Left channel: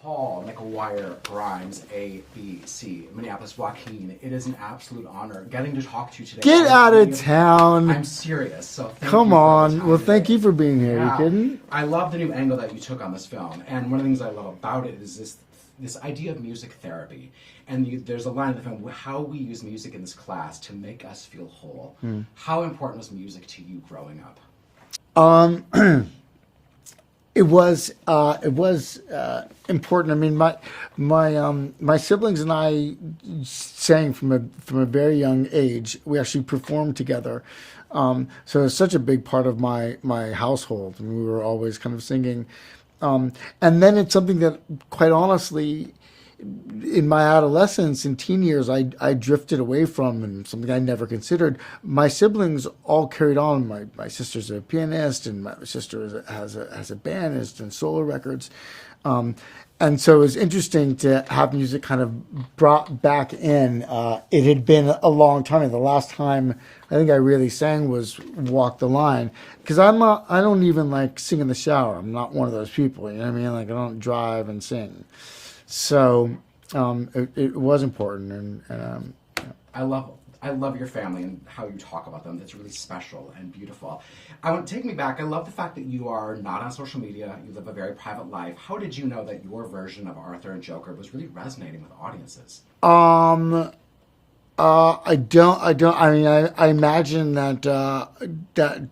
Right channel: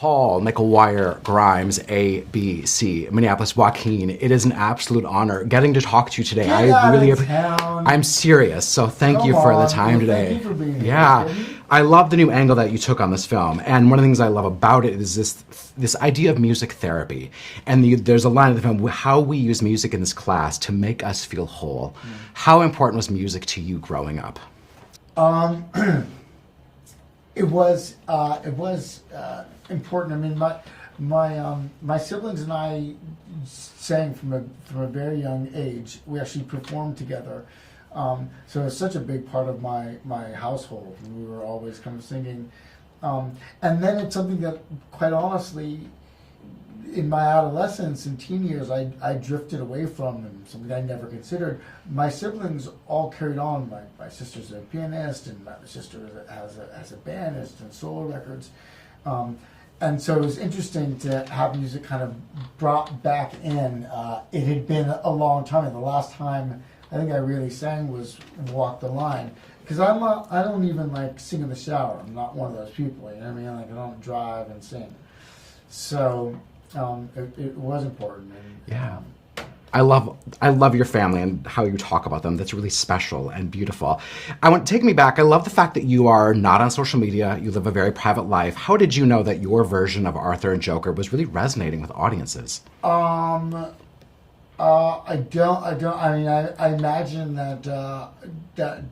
Paul, McGuire, Grimes, ABC, Minneapolis, Joaquin, it is an absolute honor getting to talk to you today. Get out of town. I'm serious, so thank Come you for on. the time Well, today. thank you for being here. Yeah, I love the new angle that you took on this film, and one of the things I love about it is this idea of music therapy. And there's a line in the film, how we use music in this class to make us feel whole. How important was music to you growing up? It was important. I mean, my siblings and I sang from a very young age. We actually performed together, so it's such a big part of my household. And we were always kind of singing, and then it's something that, quite honestly, in my adolescence and teen years, I drifted away from, and something I never considered. My siblings all carried on. My sister's a pianist, and my sister has a bandist and solo records. And so it was interesting to have music kind of brought back in. It had been a long time. The last time I think I really sang was Walk the Line. Because I don't even like sing in the shower. I'm not one of those people, you know what I mean? Like, I don't drive and sing. So it was important, and I love your family and how you talk about them. That's really special and beautiful. Take me back. I love the fact that you are not on social media. You live a very private life. How did you know that your version of Arthur and Joker was really resonating with audiences? I don't. I mean, I imagine that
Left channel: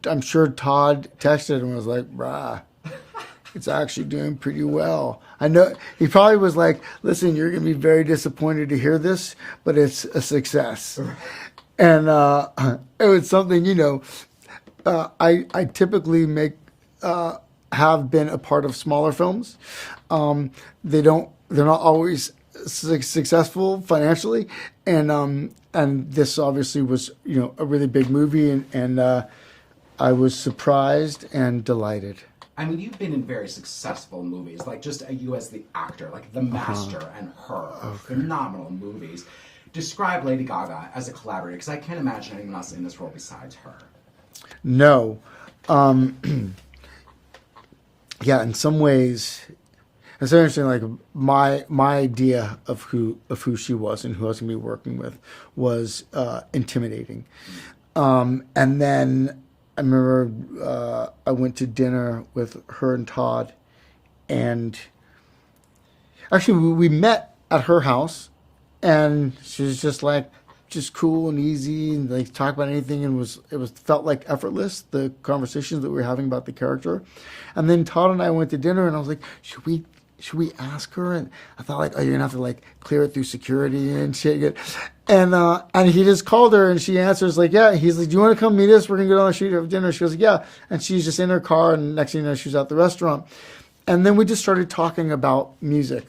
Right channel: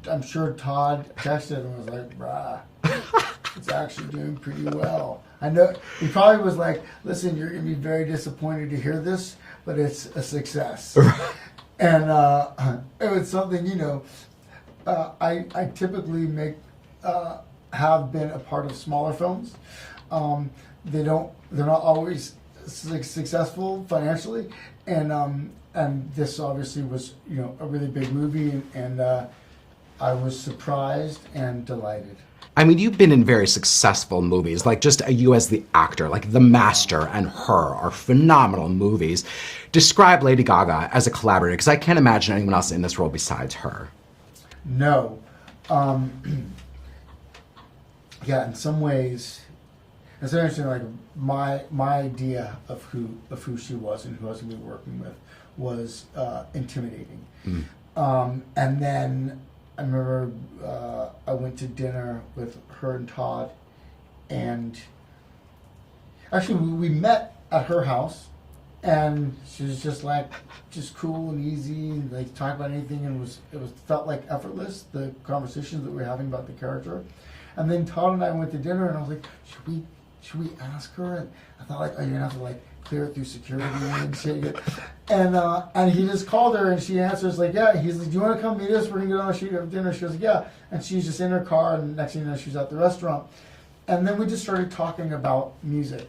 I'm sure Todd texted and was like, "Brah, it's actually doing pretty well." I know he probably was like, "Listen, you're going to be very disappointed to hear this, but it's a success." And it was something, I typically have been a part of smaller films. They're not always successful financially, and this obviously was a really big movie, and I was surprised and delighted. I mean, you've been in very successful movies, like just you as the actor, like The Master and Her are phenomenal movies. Describe Lady Gaga as a collaborator, because I can't imagine anyone else in this role besides her. No. Yeah, in some ways, it's interesting. Like my idea of who she was and who I was going to be working with was intimidating. And then I remember I went to dinner with her and Todd, and actually we met at her house, and she was just cool and easy, and like talk about anything, and it felt like effortless, the conversations that we were having about the character. And then Todd and I went to dinner, and I was like, should we ask her? And I thought, like, oh, you're gonna have to like clear it through security and shit. And he just called her, and she answers like, yeah. He's like, do you want to come meet us? We're gonna go down the street have dinner. She goes, yeah. And she's just in her car, and next thing you know, she's at the restaurant. And then we just started talking about music.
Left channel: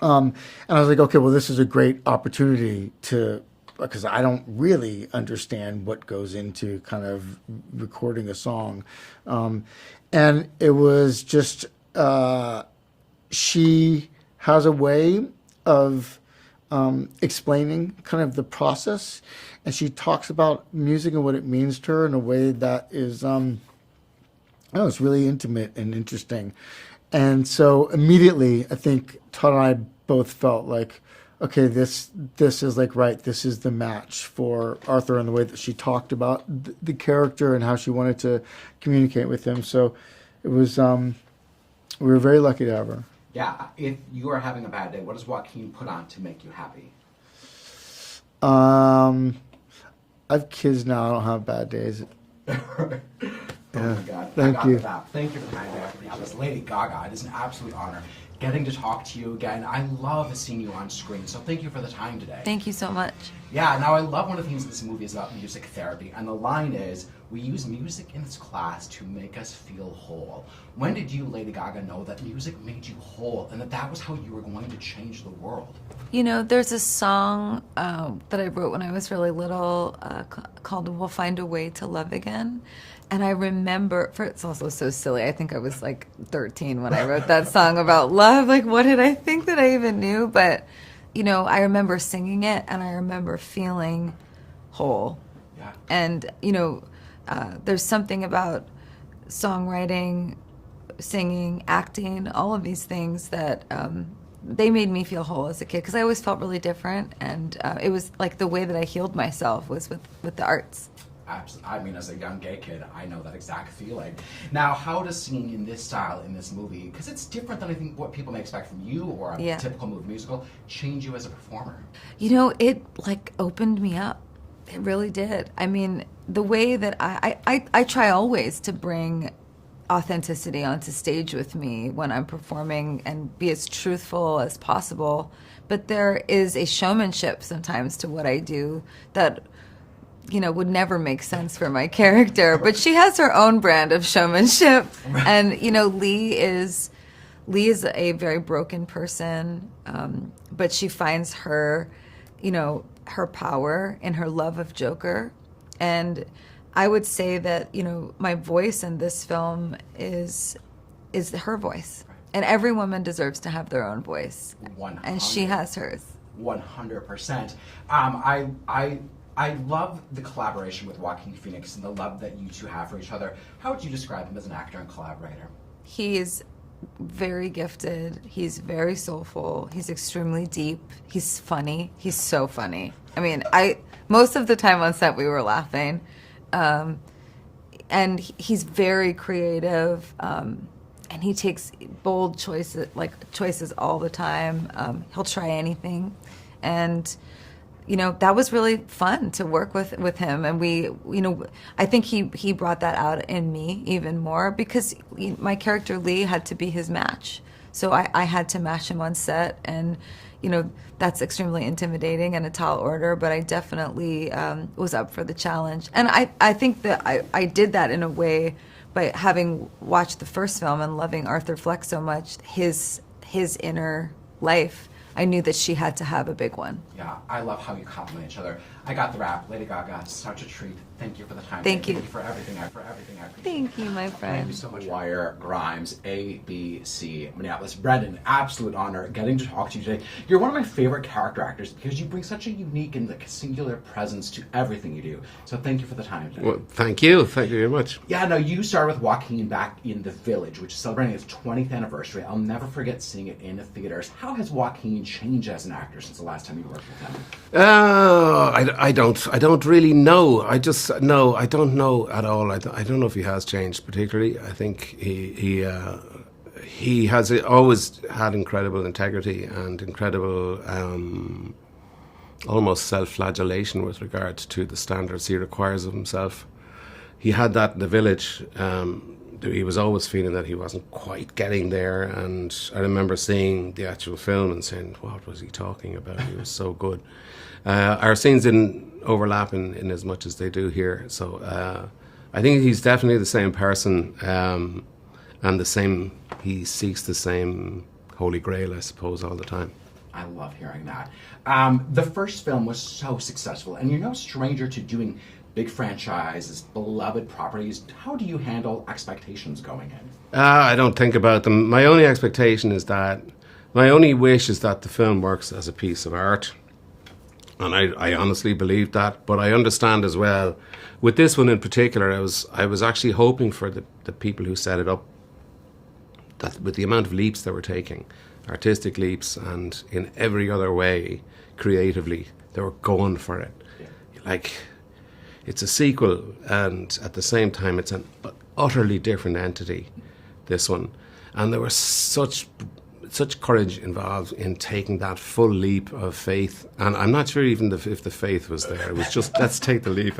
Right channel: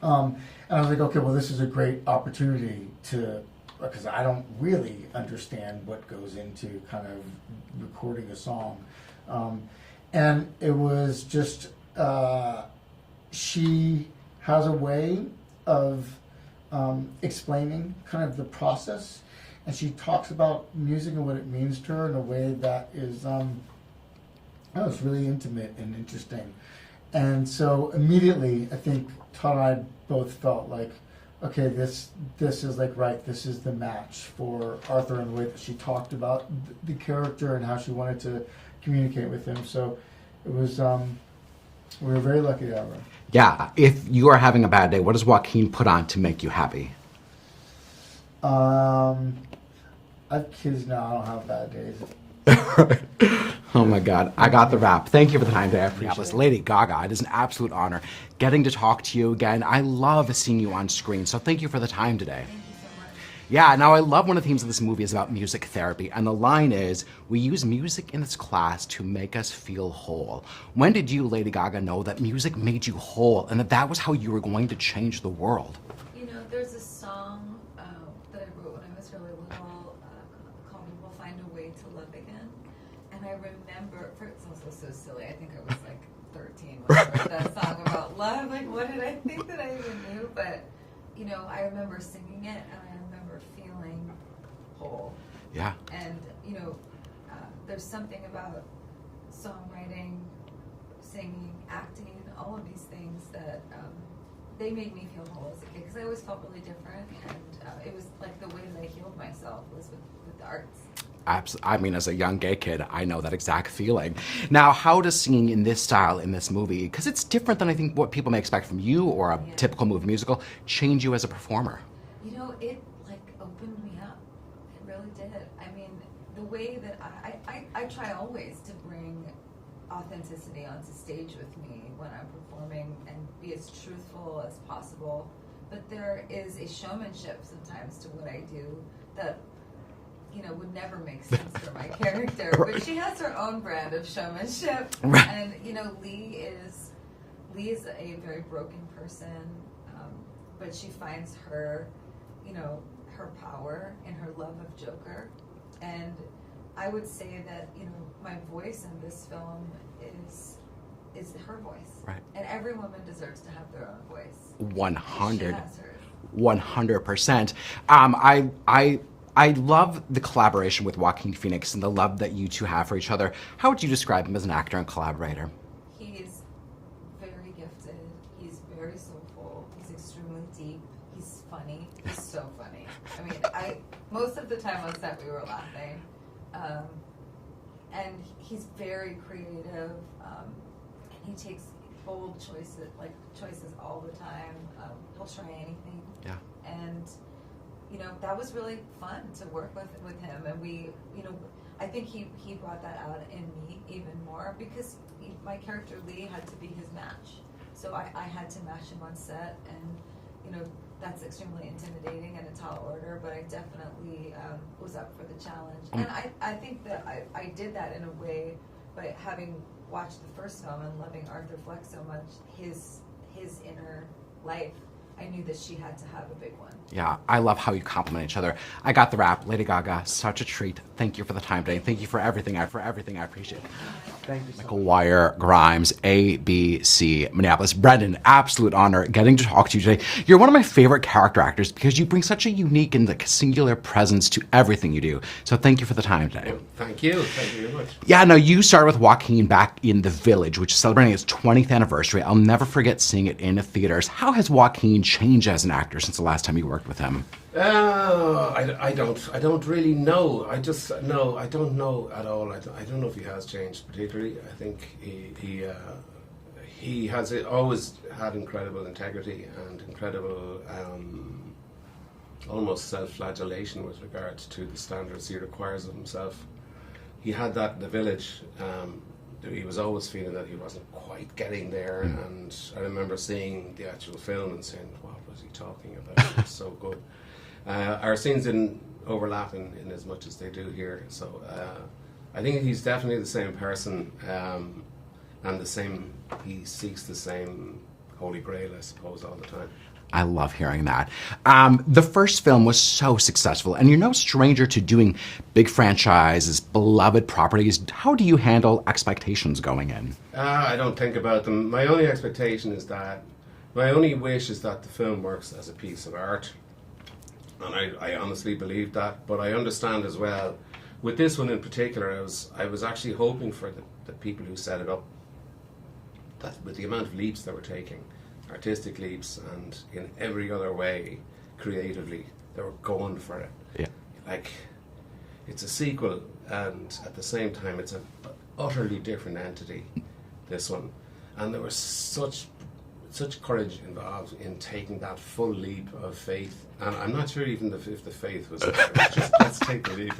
And I was like, okay, well, this is a great opportunity because I don't really understand what goes into kind of recording a song. And it was just, she has a way of explaining kind of the process, and she talks about music and what it means to her in a way that is, it's really intimate and interesting. And so immediately, I think Todd and I both felt like, okay, this is like right. This is the match for Arthur, and the way that she talked about the character and how she wanted to communicate with him. So it was, we were very lucky to have her. Yeah, if you are having a bad day, what does Joaquin put on to make you happy? I have kids now. I don't have bad days. Oh my God, I got the wrap. Thank you for the time today. I appreciate it. Lady Gaga, it is an absolute honor getting to talk to you again. I love seeing you on screen, so thank you for the time today. Thank you so much. Yeah, now I love one of the themes of this movie is about music therapy, and the line is, we use music in this class to make us feel whole. When did you, Lady Gaga, know that music made you whole, and that was how you were going to change the world? There's a song that I wrote when I was really little called We'll Find a Way to Love Again. And I remember, it's also so silly, I think I was like 13 when I wrote that song about love. Like, what did I think that I even knew? But, I remember singing it, and I remember feeling whole. Yeah. And, there's something about songwriting singing, acting, all of these things that they made me feel whole as a kid, because I always felt really different, and it was like the way that I healed myself was with the arts. I mean, as a young gay kid, I know that exact feeling. Now, how does singing in this style, in this movie, because it's different than I think what people may expect from you or a typical movie musical, change you as a performer? You know, it like opened me up. It really did. I mean, the way that I try always to bring authenticity onto stage with me when I'm performing and be as truthful as possible. But there is a showmanship sometimes to what I do that, you know, would never make sense for my character. Right. But she has her own brand of showmanship. Right. And, you know, Lee is a very broken person, but she finds her, you know, her power in her love of Joker. And I would say that, you know, my voice in this film is her voice. Right. And every woman deserves to have their own voice. 100. And she has hers. 100%. I love the collaboration with Joaquin Phoenix and the love that you two have for each other. How would you describe him as an actor and collaborator? He is very gifted. He's very soulful. He's extremely deep. He's funny. He's so funny. I mean, most of the time on set we were laughing. And he's very creative. And he takes bold choices all the time. He'll try anything. Yeah. And you know, that was really fun to work with him, and we, you know, I think he brought that out in me even more, because my character Lee had to be his match, so I had to match him on set, and you know, that's extremely intimidating and a tall order, but I definitely was up for the challenge, and I think that I did that in a way by having watched the first film and loving Arthur Fleck so much, his inner life. I knew that she had to have a big one. Yeah, I love how you complement each other. I got the rap. Lady Gaga, such a treat. Thank you for the time. Thank you. Thank you for everything. I appreciate it. Thank you, my friend. Wire Grimes, ABC, Minneapolis. Brendan, absolute honor getting to talk to you today. You're one of my favorite character actors because you bring such a unique and singular presence to everything you do. So thank you for the time today. Well, thank you. Thank you very much. Yeah, no, you started with Joaquin back in The Village, which is celebrating its 20th anniversary. I'll never forget seeing it in theaters. How has Joaquin changed as an actor since the last time you worked with him? I don't really know. I don't know at all. I don't know if he has changed particularly. I think he has always had incredible integrity and incredible almost self-flagellation with regards to the standards he requires of himself. He had that in The Village. He was always feeling that he wasn't quite getting there, and I remember seeing the actual film and saying, what was he talking about? It was so good. Our scenes didn't overlap in as much as they do here, so I think he's definitely the same person, and he seeks the same holy grail, I suppose, all the time. I love hearing that. The first film was so successful, and you're no stranger to doing big franchises, beloved properties. How do you handle expectations going in? I don't think about them. My only wish is that the film works as a piece of art. And I honestly believe that, but I understand as well. With this one in particular, I was actually hoping for the people who set it up, that with the amount of leaps they were taking, artistic leaps, and in every other way, creatively, they were going for it. Yeah. Like, it's a sequel, and at the same time, it's an utterly different entity, this one. And there was such courage involved in taking that full leap of faith, and I'm not sure even if the faith was there. It was just, let's take the leap.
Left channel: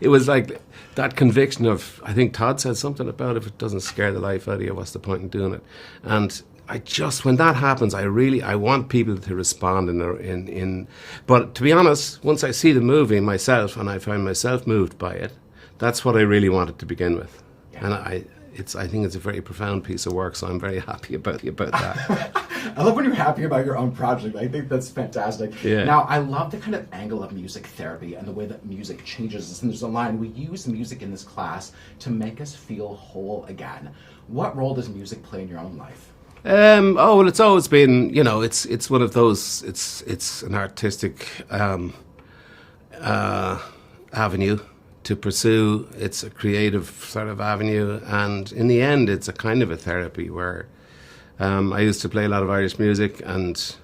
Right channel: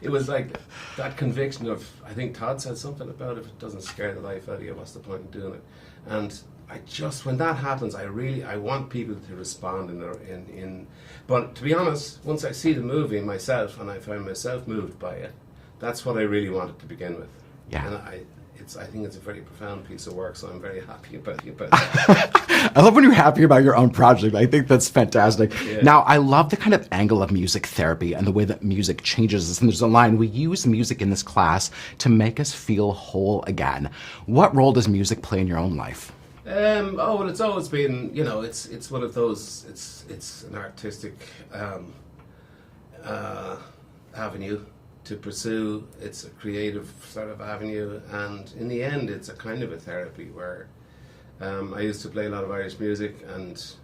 It was like that conviction of, I think Todd said something about, if it doesn't scare the life out of you, what's the point in doing it? And when that happens, I want people to respond but to be honest, once I see the movie myself and I find myself moved by it, that's what I really wanted to begin with. Yeah. And I think it's a very profound piece of work, so I'm very happy about that. I love when you're happy about your own project. I think that's fantastic. Yeah. Now, I love the kind of angle of music therapy and the way that music changes us. And there's a line, we use music in this class to make us feel whole again. What role does music play in your own life? Well, it's always been, it's one of those, it's an artistic avenue to pursue. It's a creative sort of avenue, and in the end, it's a kind of a therapy where I used to play a lot of Irish music, and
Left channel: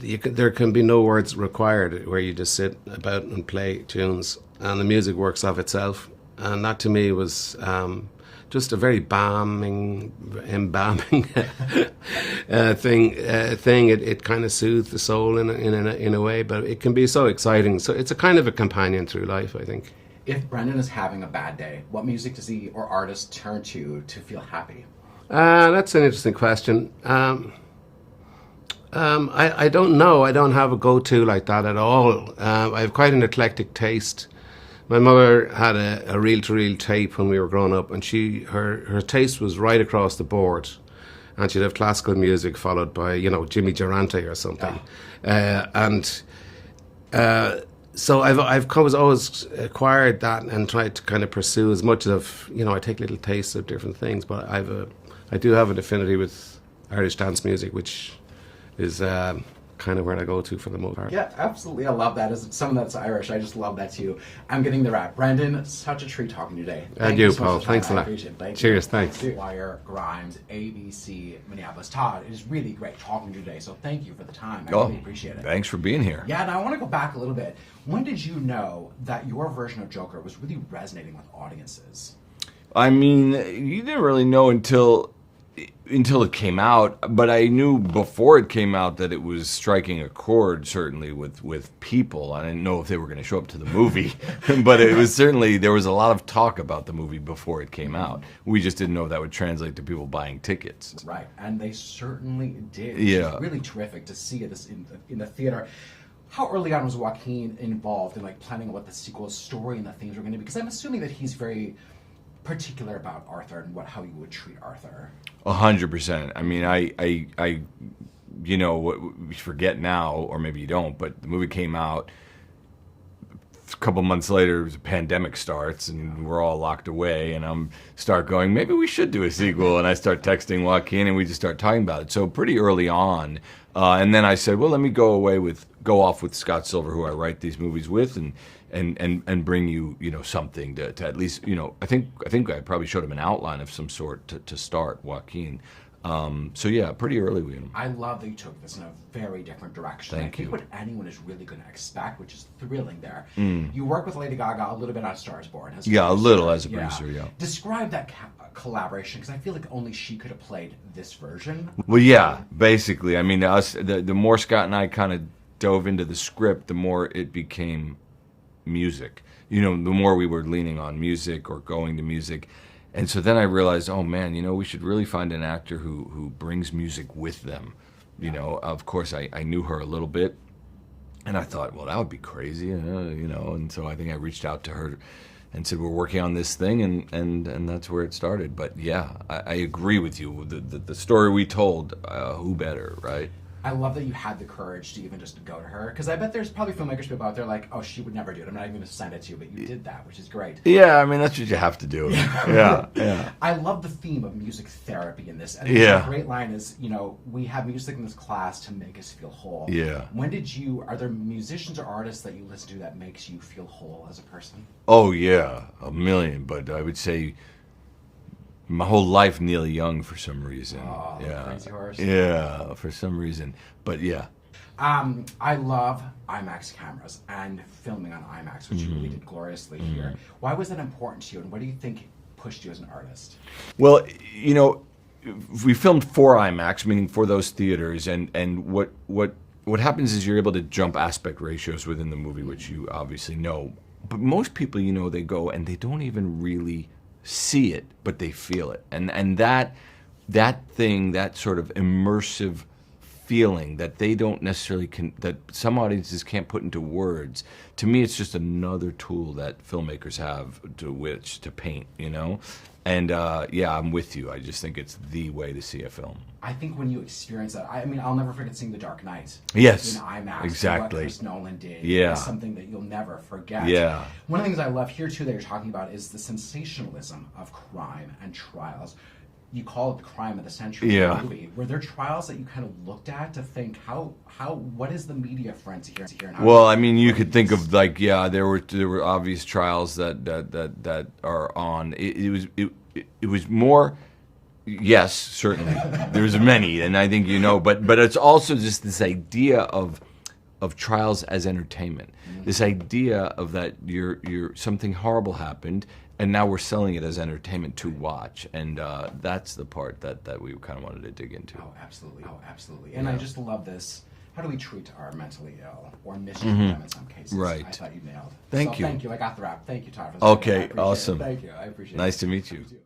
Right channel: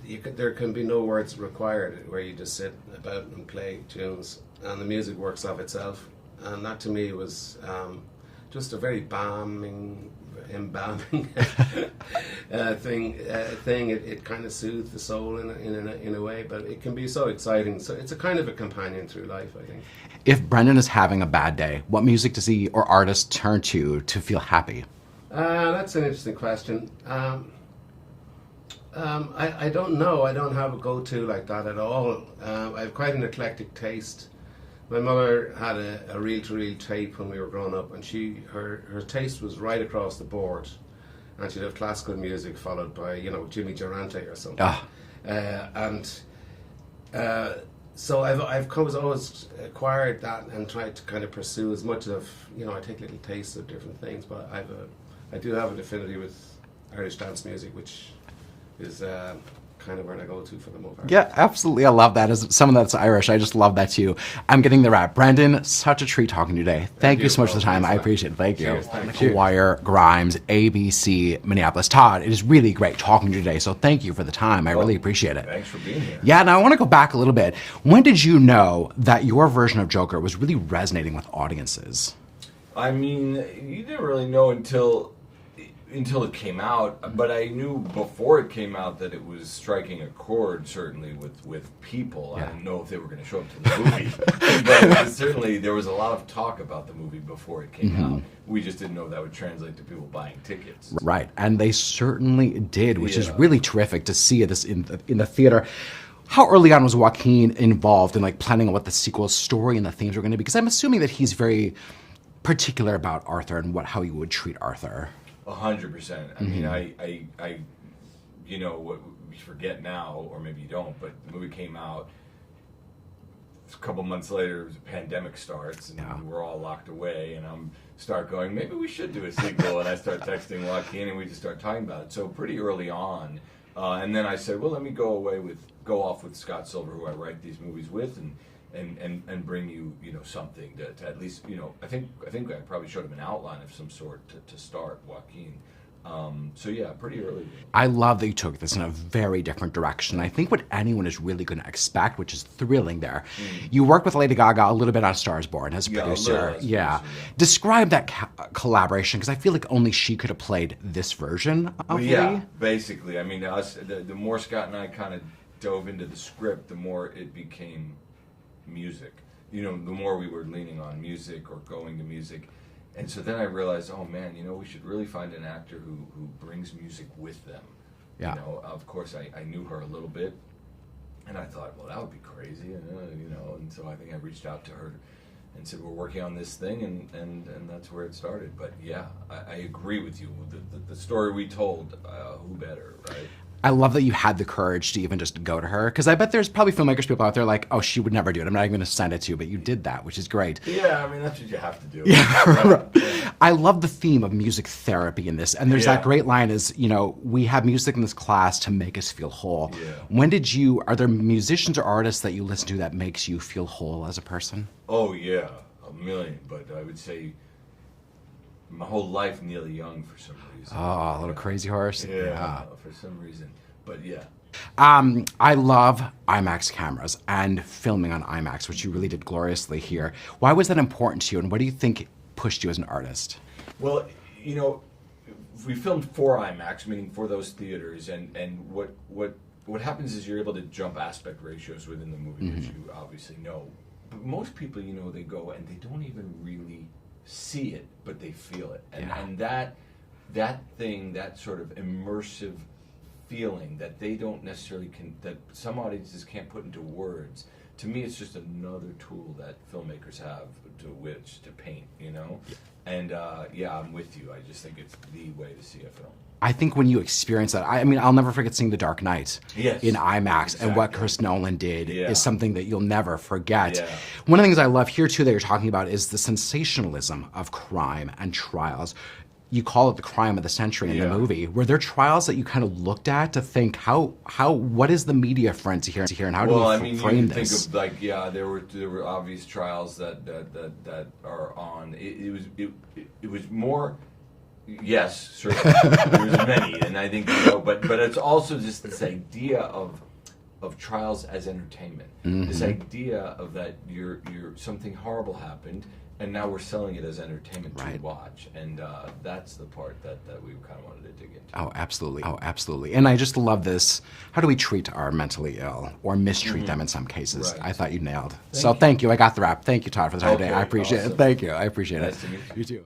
there can be no words required, where you just sit about and play tunes, and the music works of itself. And that to me was just a very embalming thing. It kind of soothed the soul in a way, but it can be so exciting. So it's a kind of a companion through life, I think. If Brendan is having a bad day, what music does he or artist turn to feel happy? That's an interesting question. I don't know. I don't have a go-to like that at all. I have quite an eclectic taste. My mother had a reel-to-reel tape when we were growing up, and her taste was right across the board. And she'd have classical music followed by, Jimmy Durante or something. So I've always acquired that and tried to kind of pursue as much of, I take little tastes of different things, but I do have an affinity with Irish dance music, which is kind of where I go to for the most part. Yeah, absolutely. I love that. As someone that's Irish, I just love that too. I'm getting the rap. Brendan, such a treat talking to you today. Thank you so much for the time. I appreciate it. Thank you. Cheers. Thank you. Wire, Grimes, ABC, Minneapolis. Todd, it is really great talking to you today. So thank you for the time. I really appreciate it. Thanks for being here. Yeah, and I want to go back a little bit. When did you know that your version of Joker was really resonating with audiences? I mean, you didn't really know until it came out, but I knew before it came out that it was striking a chord, certainly with people. I didn't know if they were going to show up to the movie, but it was certainly, there was a lot of talk about the movie before it came out. We just didn't know if that would translate to people buying tickets. Right, and they certainly did, which is really terrific to see this in the theater. How early on was Joaquin involved in planning what the sequel story and the themes were going to be? Because I'm assuming that he's very particular about Arthur and how he would treat Arthur. 100%. I mean, I what we forget now, or maybe you don't, but the movie came out a couple months later. The pandemic starts, and we're all locked away. And I'm start going, maybe we should do a sequel. And I start texting Joaquin, and we just start talking about it. So pretty early on, and then I said, well, let me go off with Scott Silver, who I write these movies with, and bring you something to at least I think I probably showed him an outline of some sort to start Joaquin. So yeah, pretty early. I love that you took this in a very different direction. I think what anyone is really going to expect, which is thrilling there. You worked with Lady Gaga a little bit on Stars Born as a producer. A little as a producer, yeah. Describe that collaboration, because I feel like only she could have played this version. Basically. I mean, the more Scott and I kind of dove into the script, the more it became music. The more we were leaning on music or going to music. And so then I realized, oh man, we should really find an actor who brings music with them. Of course I knew her a little bit, and I thought, well, that would be crazy, and so I think I reached out to her and said, we're working on this thing, and that's where it started. But yeah, I agree with you. The story we told, who better, right? I love that you had the courage to even just go to her, because I bet there's probably filmmakers, people out there like, oh, she would never do it. I'm not even going to send it to you, but you did that, which is great. Yeah, I mean, that's what you have to do. Yeah. I love the theme of music therapy in this, and there's that great line is, we have music in this class to make us feel whole. Yeah. Are there musicians or artists that you listen to that makes you feel whole as a person? Oh yeah, a million, but I would say my whole life, Neil Young, for some reason. Oh, the Crazy Horse. Yeah, for some reason. But yeah. I love IMAX cameras and filming on IMAX, which you really did gloriously here. Why was that important to you, and what do you think pushed you as an artist? Well, we filmed for IMAX, meaning for those theaters, and what happens is you're able to jump aspect ratios within the movie, which you obviously know. But most people, they go and they don't even really see it, but they feel it, and that thing, that sort of immersive feeling that they don't necessarily that some audiences can't put into words. To me, it's just another tool that filmmakers have to paint, And I'm with you. I just think it's the way to see a film. I think when you experience that, I'll never forget seeing The Dark Knight in IMAX. Exactly. And what Chris Nolan did is something that you'll never forget. Yeah. One of the things I love here, too, that you're talking about is the sensationalism of crime and trials. you call it the crime of the century in Yeah. the movie. Were there trials that you kind of looked at to think what is the media friends here and how? Well, do I mean, you frame can think this? of like, yeah, there were obvious trials that are on. It was more. Yes, certainly. There's many, and I think but it's also just this idea of trials as entertainment. This idea of that you're something horrible happened, and now we're selling it as entertainment to watch, and that's the part that we kind of wanted to dig into. Oh, absolutely. Oh, absolutely. And I just love this. How do we treat our mentally ill or mistreat them in some cases? Right. I thought you nailed. Thank you. Thank you. I got the wrap. Thank you, Todd, for that. Okay, I appreciate awesome. it. Thank you. I appreciate it. Nice to meet you. You too.